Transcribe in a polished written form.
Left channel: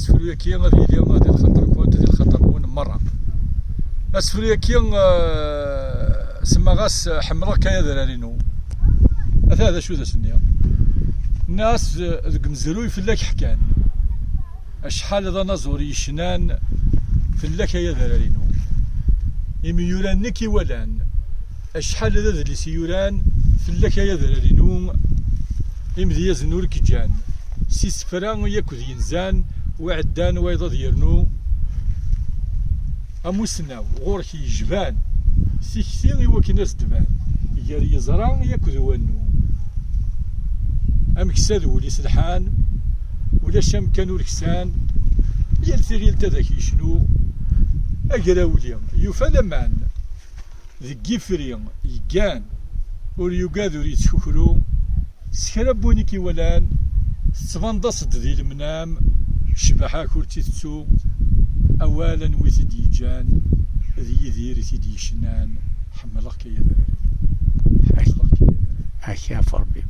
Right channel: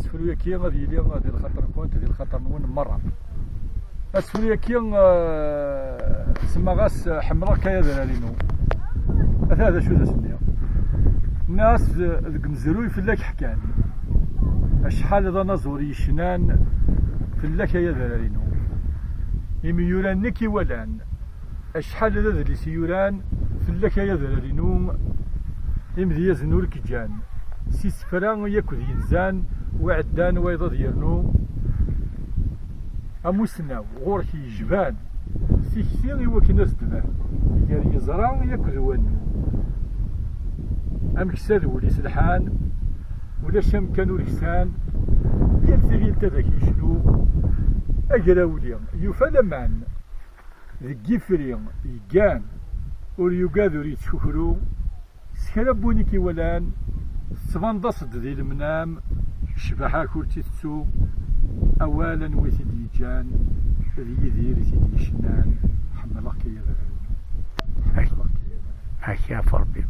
اسفلو كي غادي لي غادي الخطر كنت ديال الخطر مون مره اسفلو كي سما غاس حمراء كايا درارينو هذا شو ذا سنيا الناس ذك مزروي فلاك حكان اشحال هذا نزوري شنان فلاك يا درارينو يمي يوران نكي ولان اشحال هذا اللي سيوران فلاك يا درارينو يمدي يزنور كجان سيس فران ياكل ينزان وعدان ويض يرنو اموسناو غورك يجبان سيكسين يوكي ناس دبان يا يزران ياكل وانو امكساد ولي سلحان ولا شام كانوا الكسان يلتري لتذاك يشنو اقراولي يوفى لمان ذي كيفري يقان وليقاذو يتشكرو سكرابوني كي ولان تفندصد ذي المنام شبحا كورتي تسو اولا وثدي جان ذي يذير ثدي شنان حملك يا ذا أخاف ربي